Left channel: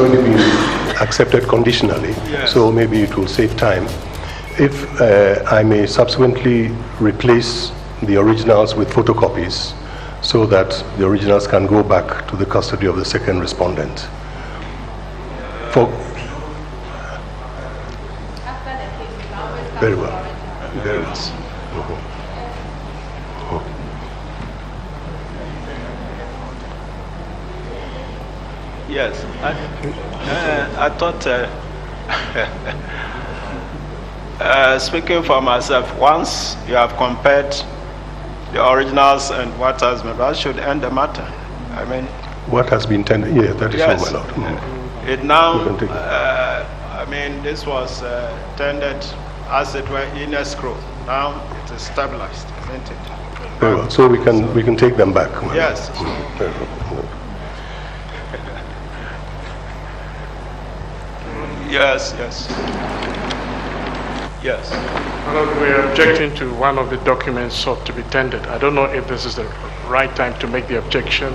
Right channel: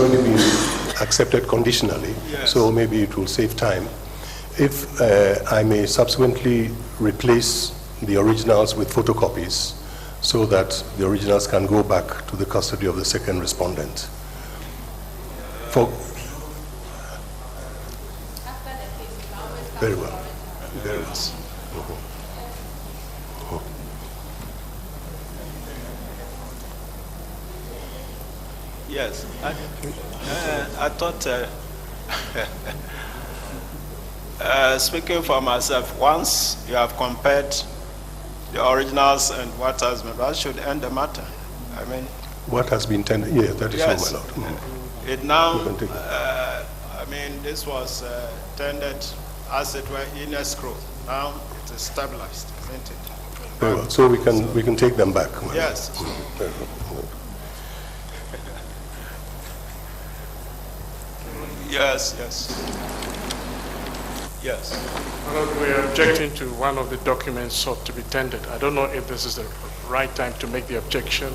only been accepted conditionally, Yes. so maybe it will save time. If I may subsequently replace the originals with photocopies so that the originals can go back to the custody of the second respondent. Very well. Very well. Yes, I thought, speaking for myself, once you have compared the originals and what has been, that should end the matter. I mean, what has been tendered? Yeah, that is yes, so, my lord. It now, I mean, this was tendered as it were in escrow. Now it is stabilized, isn't it? Very well. So we can take them back. Yes. Very well. Yes, yes. Yes. We are objecting to one of the documents sought to be tendered. I don't know if this is the right time to make the objection,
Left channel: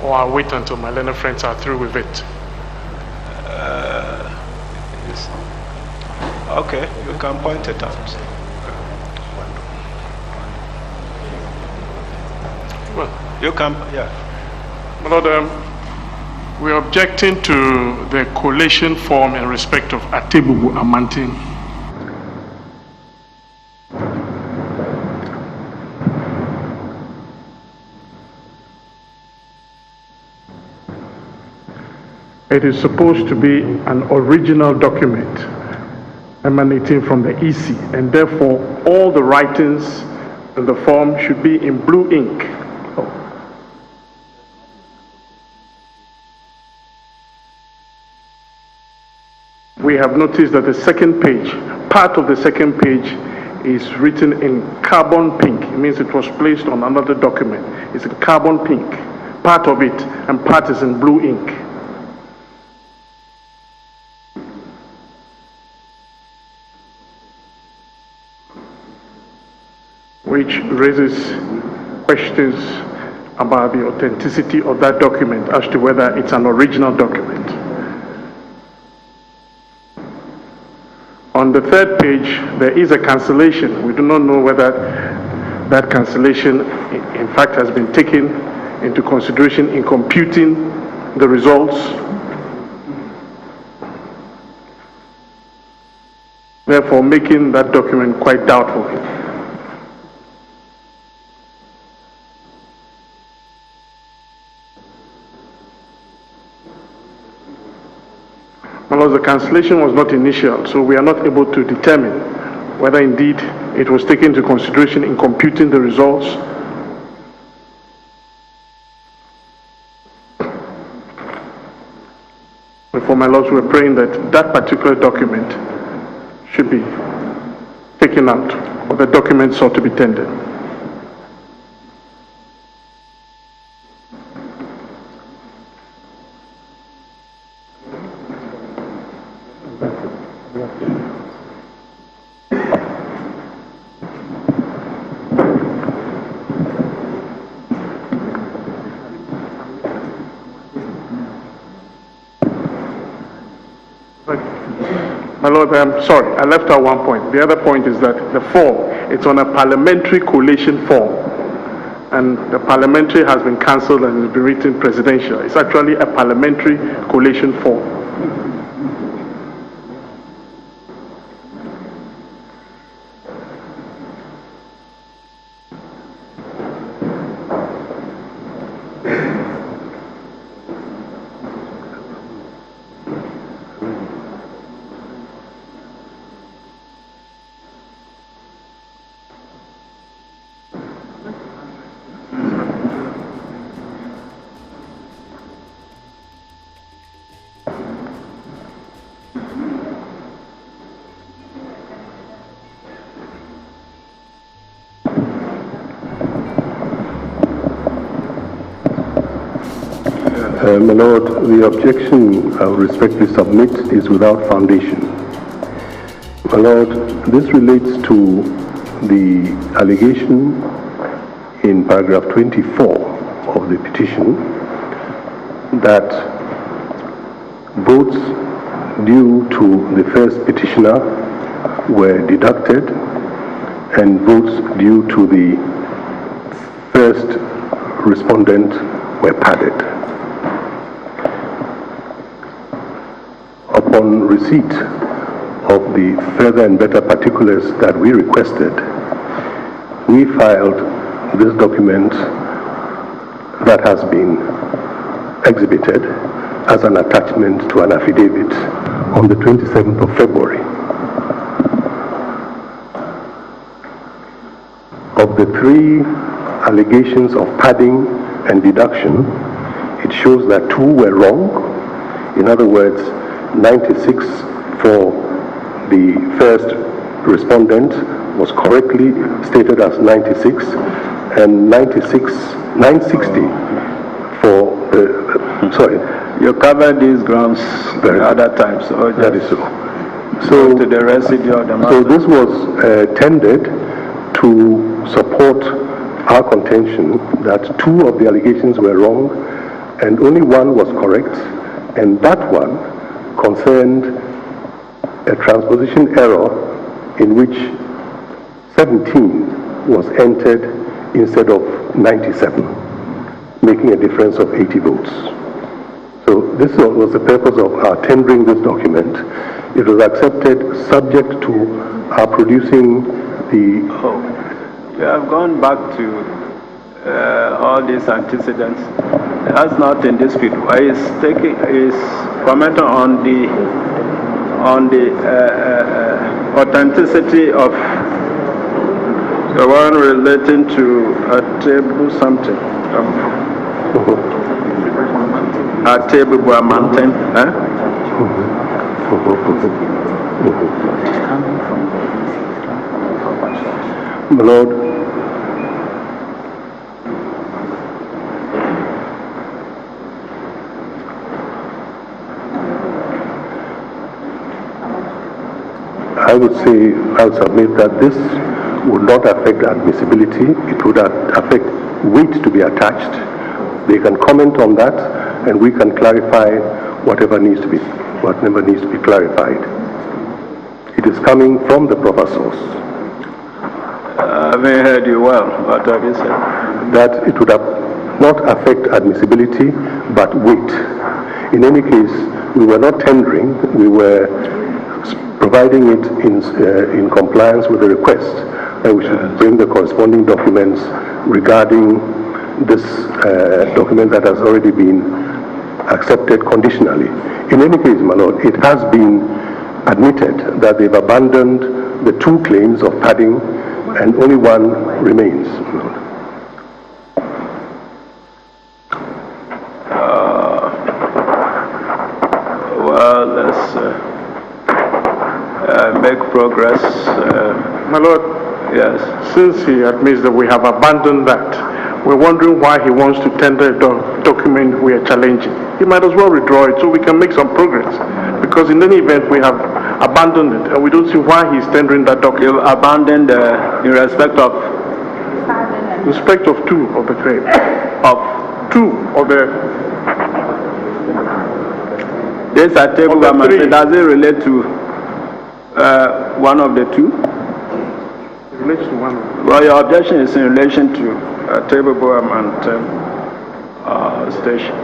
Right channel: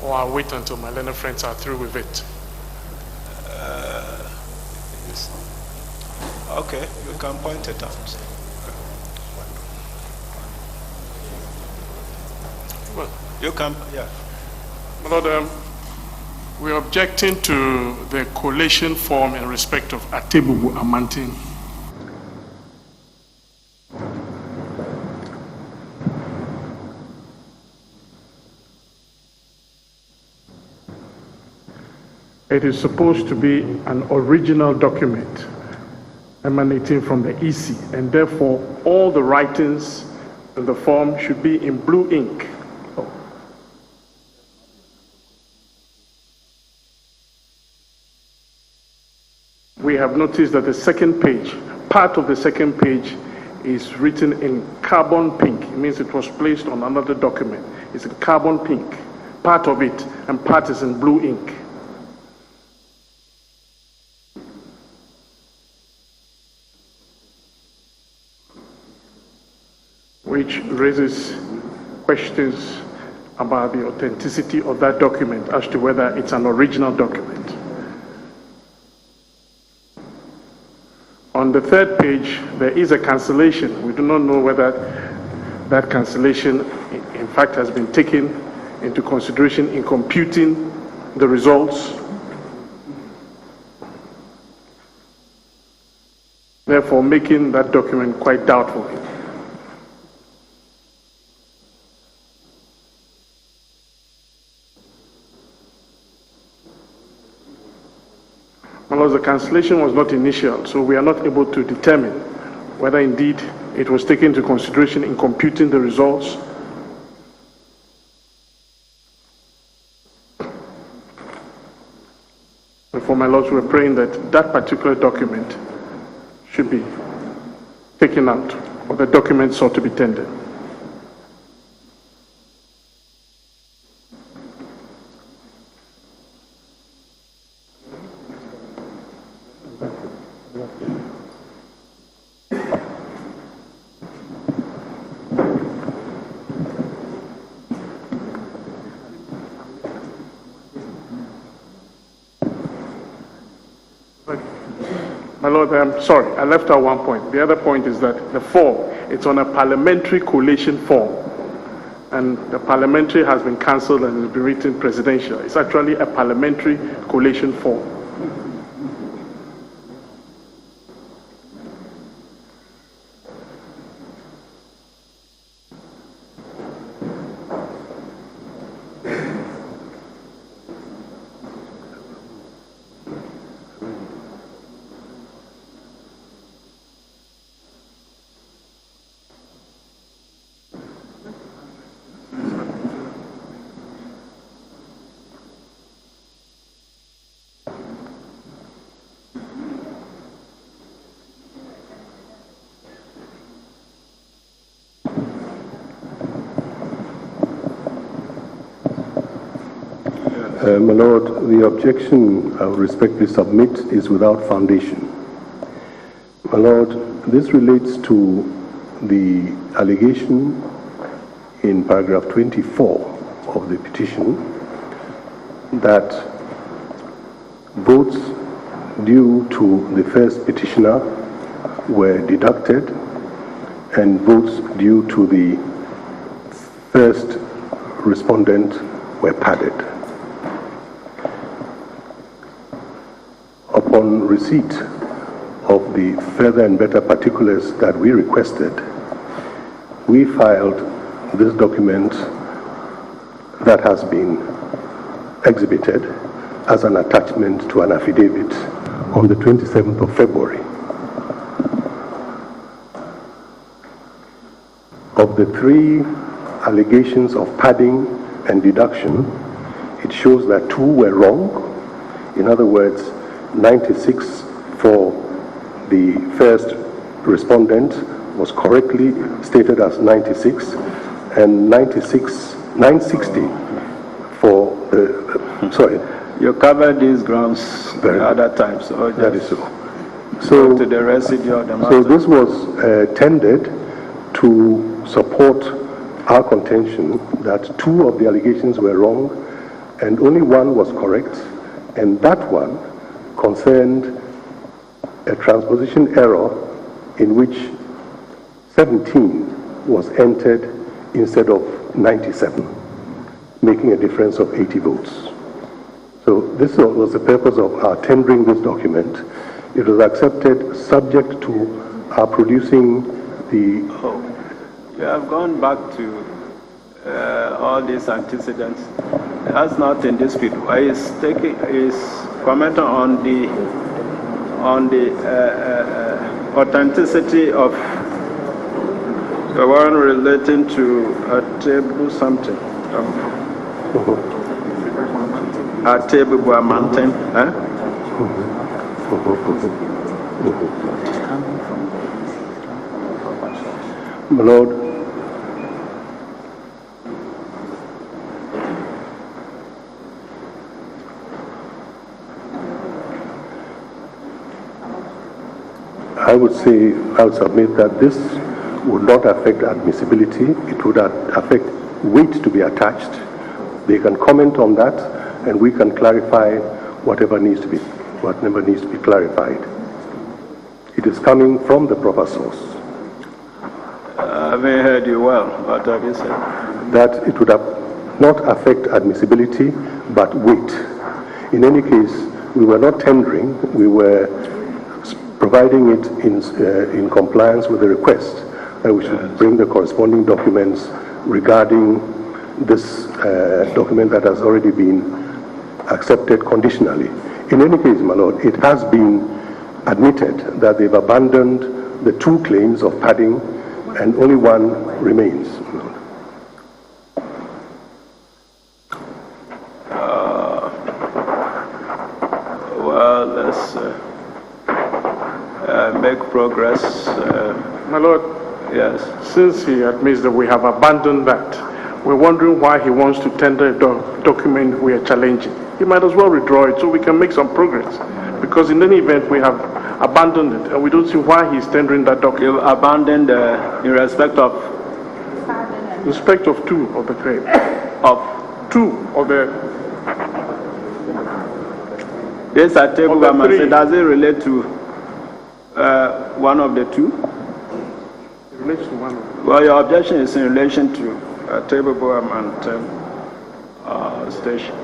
or I'll wait until my learned friends are through with it. Yes. Okay, you can point it out. Well, you can, yeah. Lord, we are objecting to the collation form in respect of Atebubu Amantin. It is supposed to be an original document emanating from the EC, and therefore all the writings in the form should be in blue ink. We have noticed that the second page, part of the second page, is written in carbon pink. It means it was placed on another document. It's in carbon pink, part of it, and part is in blue ink. Which raises questions about the authenticity of that document as to whether it's an original document. On the third page, there is a cancellation. We do not know whether that cancellation, in fact, has been taken into consideration in computing the results. Therefore, making that document quite doubtful. Well, the cancellation was not initial, so we are not able to determine whether indeed it was taken into consideration in computing the results. Before my lords, we're praying that that particular document should be taken out, or the document sought to be tendered. My Lord, I'm sorry, I left out one point. The other point is that the form, it's on a parliamentary collation form. And the parliamentary has been cancelled and will be written presidential. It's actually a parliamentary collation form. My Lord, the objection I will respectfully submit is without foundation. My Lord, this relates to the allegation in paragraph 24 of the petition that Votes due to the first petitioner were deducted, and votes due to the first respondent were padded. Upon receipt of the further and better particulars that we requested, we filed this document that has been exhibited as an attachment to an affidavit on the 27th of February. Of the 3 allegations of padding and deduction, it shows that 2 were wrong. In other words, 96 for the first respondent was correctly stated as 96, and 960 for the, sorry. You covered these grounds the other times. So that is so. So to the residue of the matter. So this was tendered to support our contention that 2 of the allegations were wrong and only 1 was correct, and that one concerned a transposition error in which 17 was entered instead of 97, making a difference of 80 votes. So this was the purpose of our tendering this document. It was accepted subject to our producing the... You have gone back to all these antecedents. That's not in dispute. Is commenting on the authenticity of the one relating to a table something. A table by a mountain. My Lord, I would say, I'll submit that this would not affect admissibility. It would affect weight to be attached. They can comment on that, and we can clarify whatever needs to be clarified. It is coming from the proper source. I haven't heard you well. What have you said? That it would not affect admissibility, but weight. In any case, we were not tendering. We were providing it in compliance with the request that we should bring the corresponding documents regarding this document that has already been accepted conditionally. In any case, my Lord, it has been admitted that they've abandoned the 2 claims of padding and only 1 remains. Well, let's make progress. My Lord, Yes. since he admits that we have abandoned that, we're wondering why he wants to tender a document we are challenging. He might as well withdraw it so we can make some progress. Because in any event, we have abandoned it, and we don't see why he's tendering that document. You've abandoned in respect of 2 of the claim. of 2 of the... this at table Of the government. 3. Does it relate to one of the 2? It relates to 1. Well, your objection is in relation to table government station.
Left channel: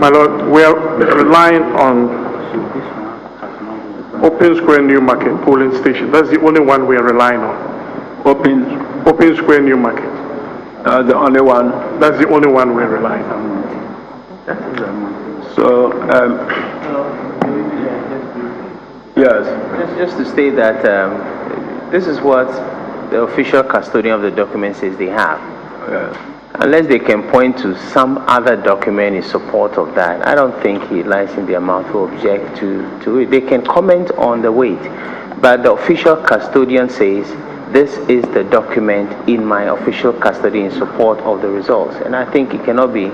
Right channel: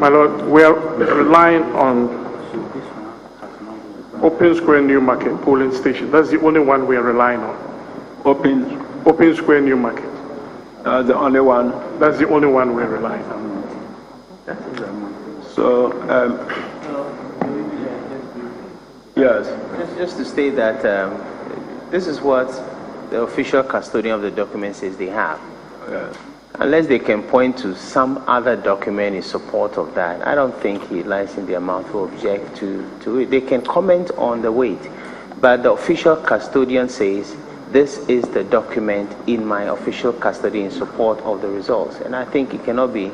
My Lord, we are relying on Open Square New Market polling station. That's the only one we are relying on. Open Square New Market. The only one. That's the only one we're relying on. So, yes. Just to state that this is what the official custodian of the document says they have. Yes. Unless they can point to some other document in support of that, I don't think it lies in their mouth to object to it. They can comment on the weight, but the official custodian says, this is the document in my official custody in support of the results. And I think it cannot be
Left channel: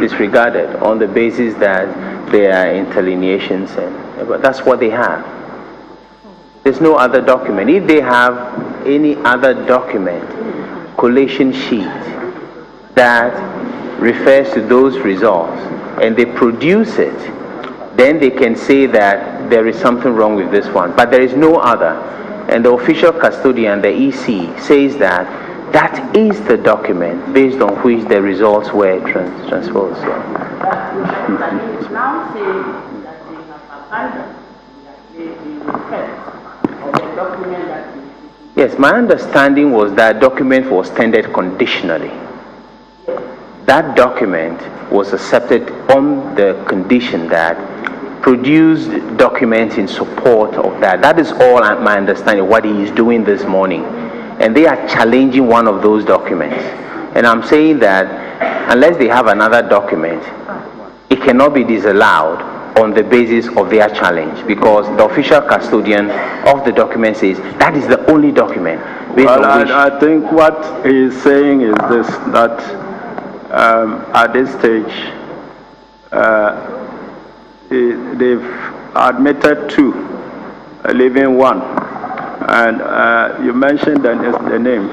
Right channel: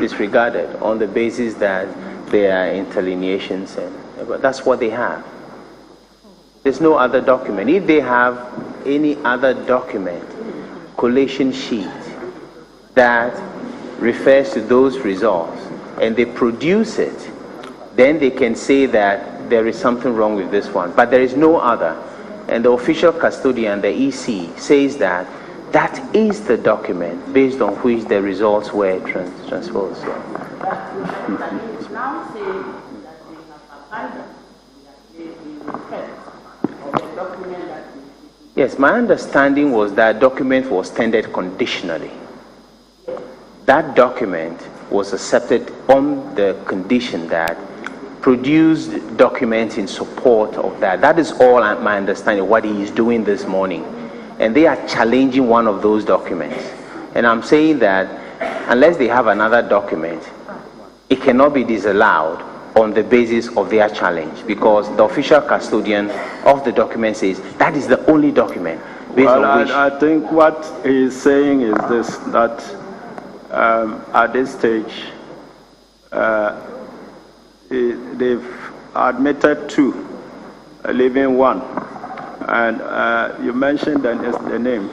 disregarded on the basis that they are interlineations, but that's what they have. There's no other document. If they have any other document, collation sheet, that refers to those results, and they produce it, then they can say that there is something wrong with this one. But there is no other. And the official custodian, the EC, says that that is the document based on which the results were transposed. Now saying that they have abandoned the request of the document that Yes, my understanding was that document was tendered conditionally. That document was accepted on the condition that produced documents in support of that. That is all my understanding, what he is doing this morning. And they are challenging one of those documents. And I'm saying that unless they have another document, it cannot be disallowed on the basis of their challenge, because the official custodian of the document says that is the only document. Well, I think what he's saying is this, that at this stage, they've admitted 2, leaving 1. And you mentioned the name.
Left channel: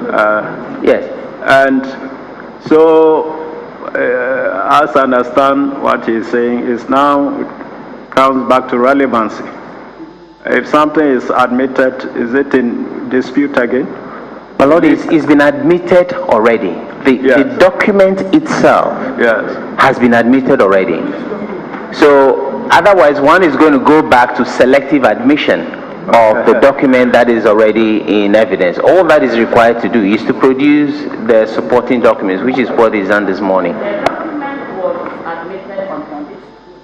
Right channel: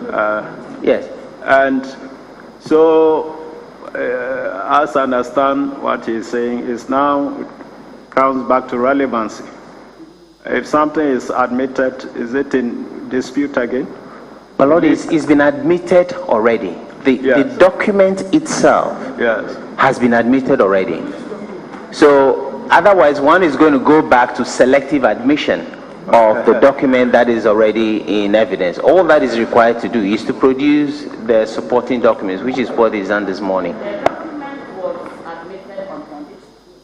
Yes. And so, as I understand what he's saying, is now comes back to relevancy. If something is admitted, is it in dispute again? My Lord, it's been admitted already. The document itself has been admitted already. So otherwise, one is going to go back to selective admission of the document that is already in evidence. All that is required to do is to produce the supporting documents, which is what is done this morning. the document was admitted on condition.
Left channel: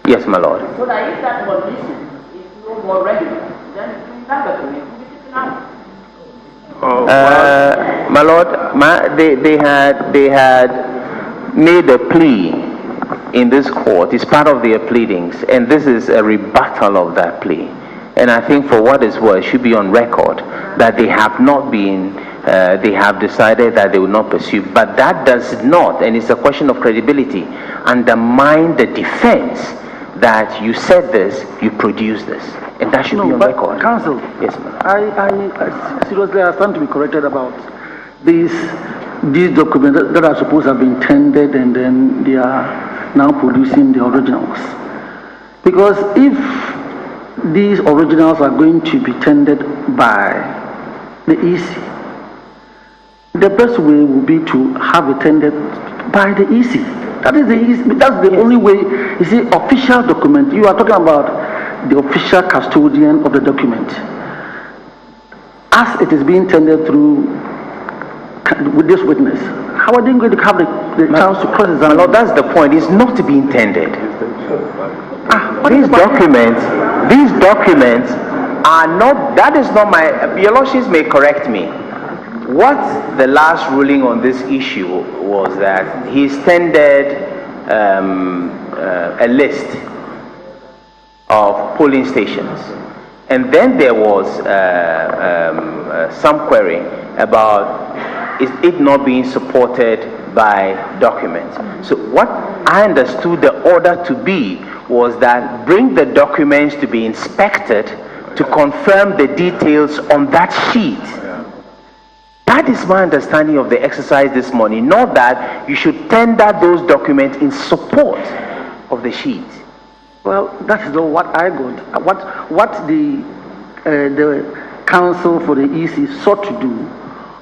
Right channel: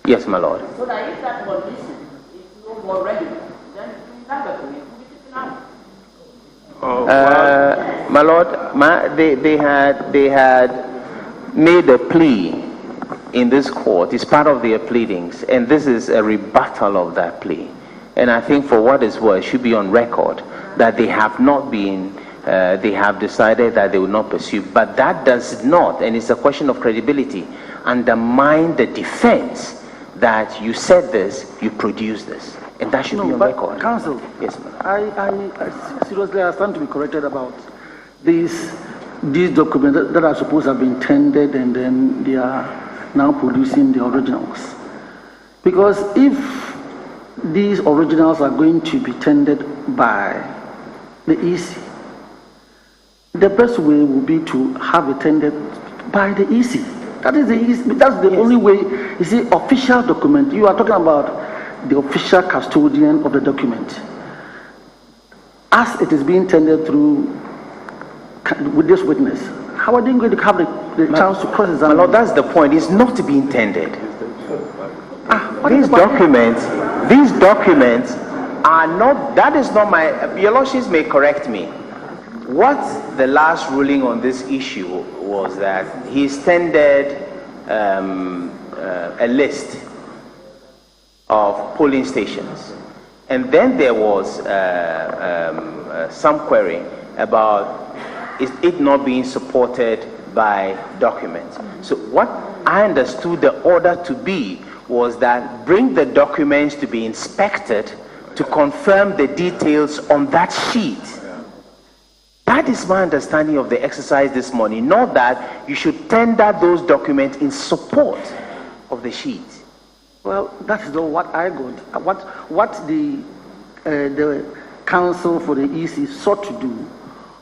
Yes, my Lord. So that if that condition is no more relevant, then that document will be taken out. My Lord, they had made a plea in this court. It's part of their pleadings, and this is a rebuttal of that plea. And I think for what it's worth, it should be on record that they have not been, they have decided that they will not pursue. But that does not, and it's a question of credibility, undermine the defense that you said this, you produced this. And that should be on record. Counsel, Yes, ma'am. I seriously stand to be corrected about these documents that are supposed to have been tendered and then they are now producing the originals. Because if these originals are going to be tendered by the EC, the best way would be to have it tendered by the EC. That is the EC. That's the only way. You see, official document. You are talking about the official custodian of the document. As it is being tendered through with this witness, how are they going to have the chance to cross-examine? No, that's the point. It's not to be intended. These documents are not, that is not my, your lordships may correct me. What the last ruling on this issue was that he's tendered a list of polling stations. And then there was some query about it not being supported by documents. So what I understood the order to be was that bring the documents to be inspected to confirm the details on that sheet. That is my understanding of the exercise this morning, not that you should tender those documents in support of the sheet. Well, that is not what I got. What the counsel for the EC sought to do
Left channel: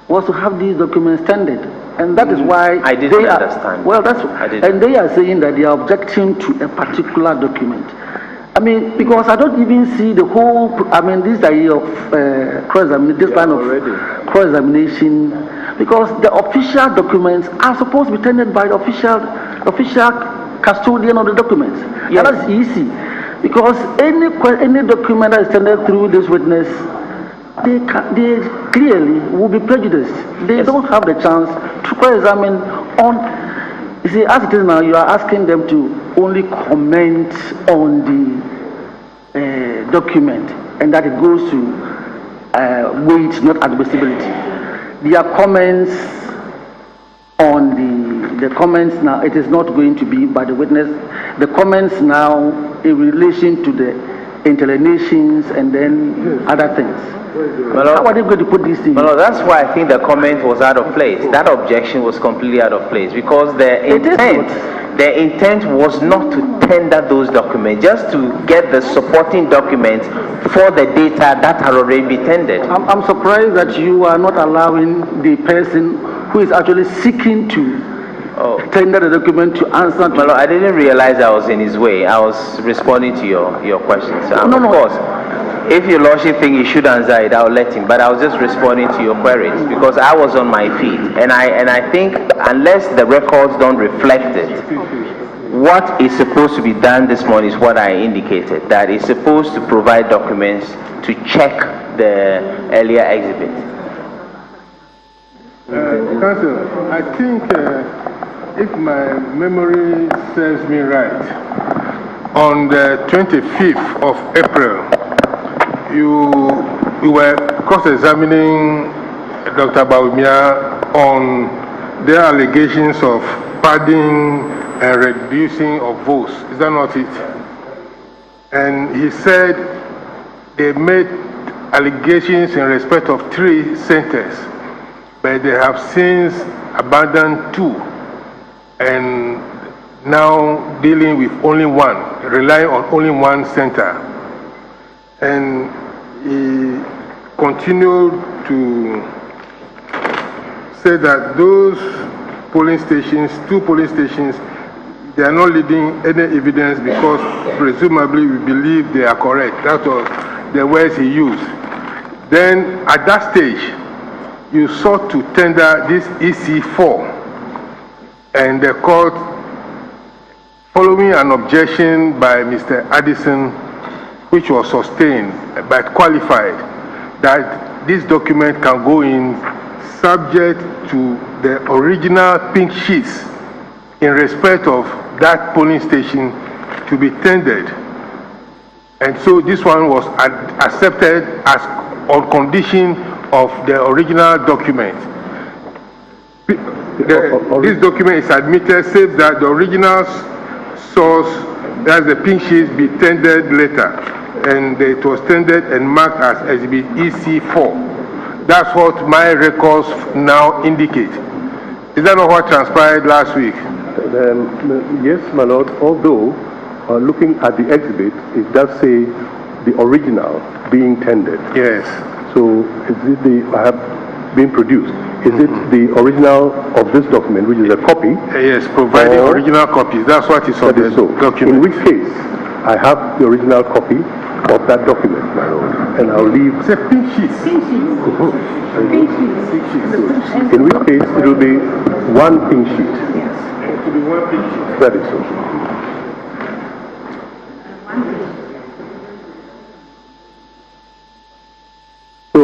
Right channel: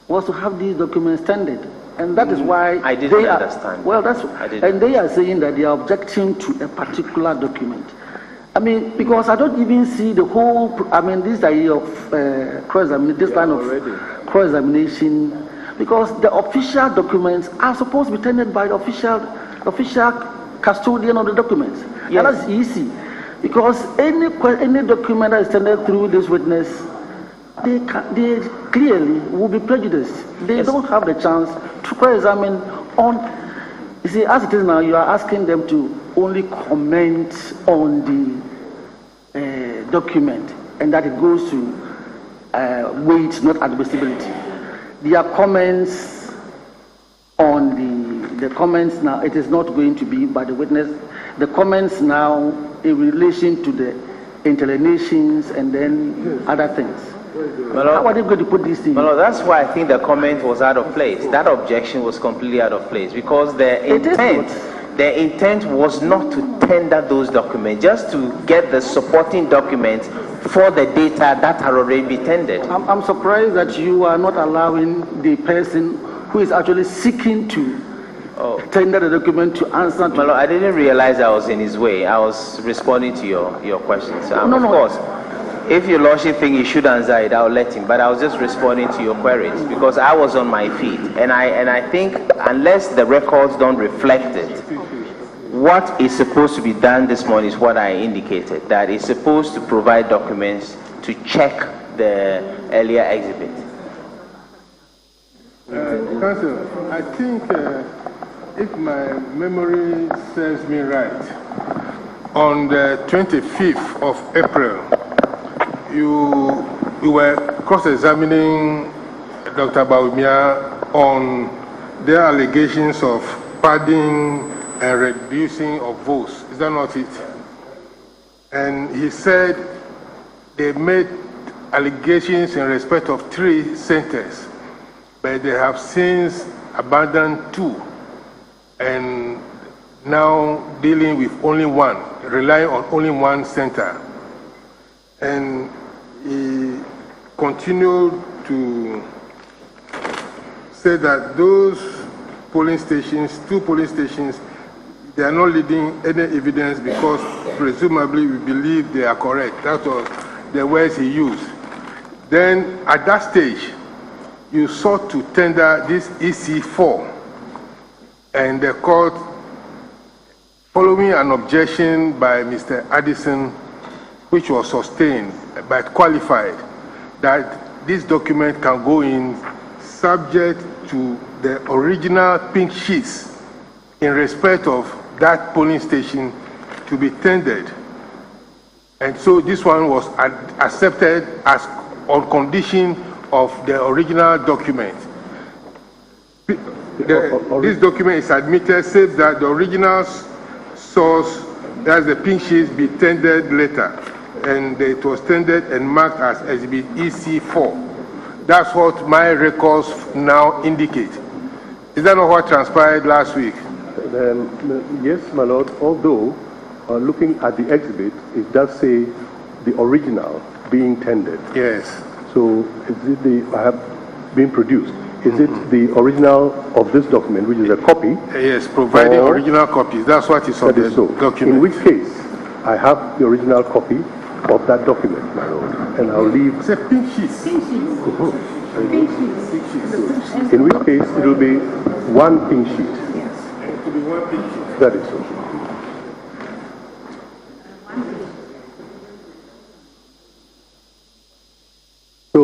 was to have these documents tendered, and that is why I didn't understand. Well, and they are saying that they are objecting to a particular document. I mean, because I don't even see the whole. I mean, this idea of cross-examination, this kind of cross-examination, because the official documents are supposed to be tendered by the official custodian of the documents. Yes. And that's easy, because any document that is tendered through this witness, they clearly will be prejudiced. They don't have the chance to cross-examine on. You see, as it is now, you are asking them to only comment on the document, and that it goes to weight, not admissibility. Their comments on the comments now, it is not going to be by the witness. The comments now in relation to the interlineations and then other things. How are they going to put these things? Well, that's why I think the comment was out of place. That objection was completely out of place because the intent was not to tender those documents, just to get the supporting documents for the data that had already been tendered. I'm surprised that you are not allowing the person who is actually seeking to tender the document to answer. Well, I didn't realize I was in his way. I was responding to your questions. Of course, if your lordship think he should answer it, I'll let him. But I was just responding to your queries because I was on my feet, and I think unless the records don't reflect it, what is supposed to be done this morning is what I indicated. That is supposed to provide documents to check the earlier exhibit. Council, I think if my memory serves me right, on the 25th of April, you were cross-examining Dr. Bawumia on their allegations of padding and reducing of votes. Is that not it? And he said they made allegations in respect of 3 centers, but they have since abandoned 2 and now dealing with only 1, relying on only 1 center. And he continued to say that those polling stations, 2 polling stations, they are not leading any evidence because presumably we believe they are correct. That was the words he used. Then at that stage, you sought to tender this EC4, and the court, following an objection by Mr. Addison, which was sustained but qualified, that this document can go in subject to the original pink sheets in respect of that polling station to be tendered. And so this one was accepted as on condition of the original document. This document is admitted, says that the original source, that's the pink sheets, be tendered later. And it was tendered and marked as exhibit EC4. That's what my records now indicate. Is that not what transpired last week? Yes, my lord, although looking at the exhibit, it does say the original being tendered. Yes. So is it I have been produced? Is it the original of this document, which is a copy? Yes, providing original copies. That's what is on the document. In which case, I have the original copy of that document, my lord, and I'll leave. It's a pink sheet. In which case, it will be 1 pink sheet. It will be 1 pink sheet. That is so. So,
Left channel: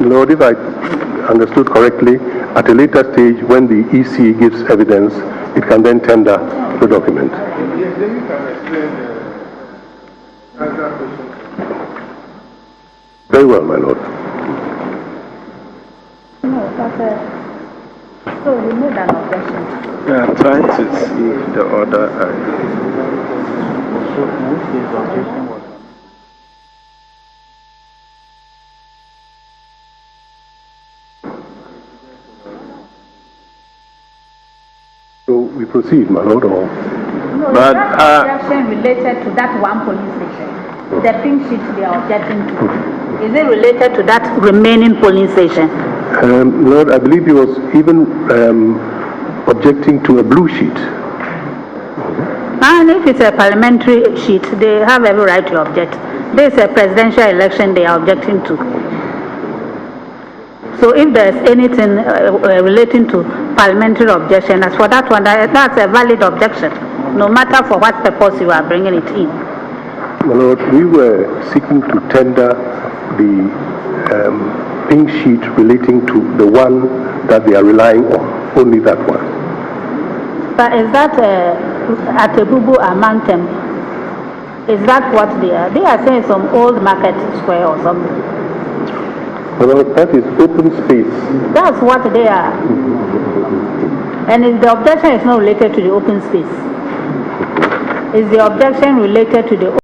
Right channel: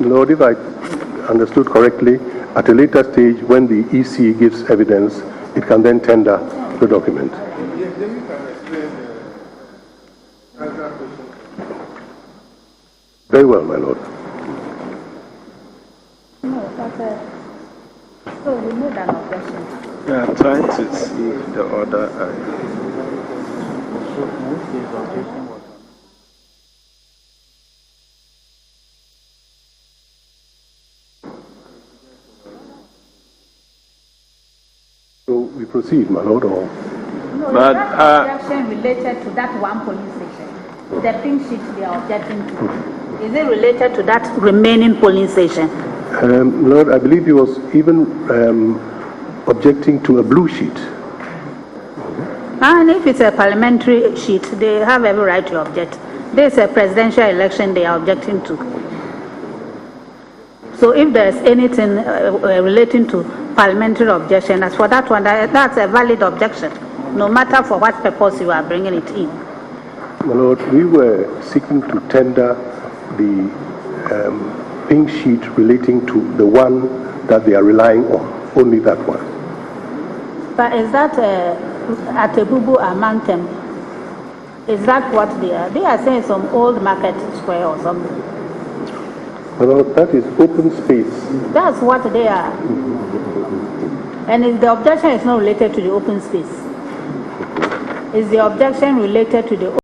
Lord, if I understood correctly, at a later stage, when the EC gives evidence, it can then tender the document. Yes, then you can explain the answer question. Very well, my lord. No, but so you made an objection. Yeah, I'm trying to see the order. So we proceed, my lord, or? No, But, that objection related to that 1 polling station. The pink sheet they are objecting to. Is it related to that remaining polling station? Lord, I believe he was even objecting to a blue sheet. And if it's a parliamentary sheet, they have every right to object. This is a presidential election they are objecting to. So if there's anything relating to parliamentary objection, as for that one, that's a valid objection, no matter for what purpose you are bringing it in. My lord, we were seeking to tender the pink sheet relating to the one that they are relying on, only that one. But is that at a Bubu Amantem? Is that what they are? They are saying some old market square or something. My lord, that is open space. That's what they are. And if the objection is not related to the open space, is the objection related to the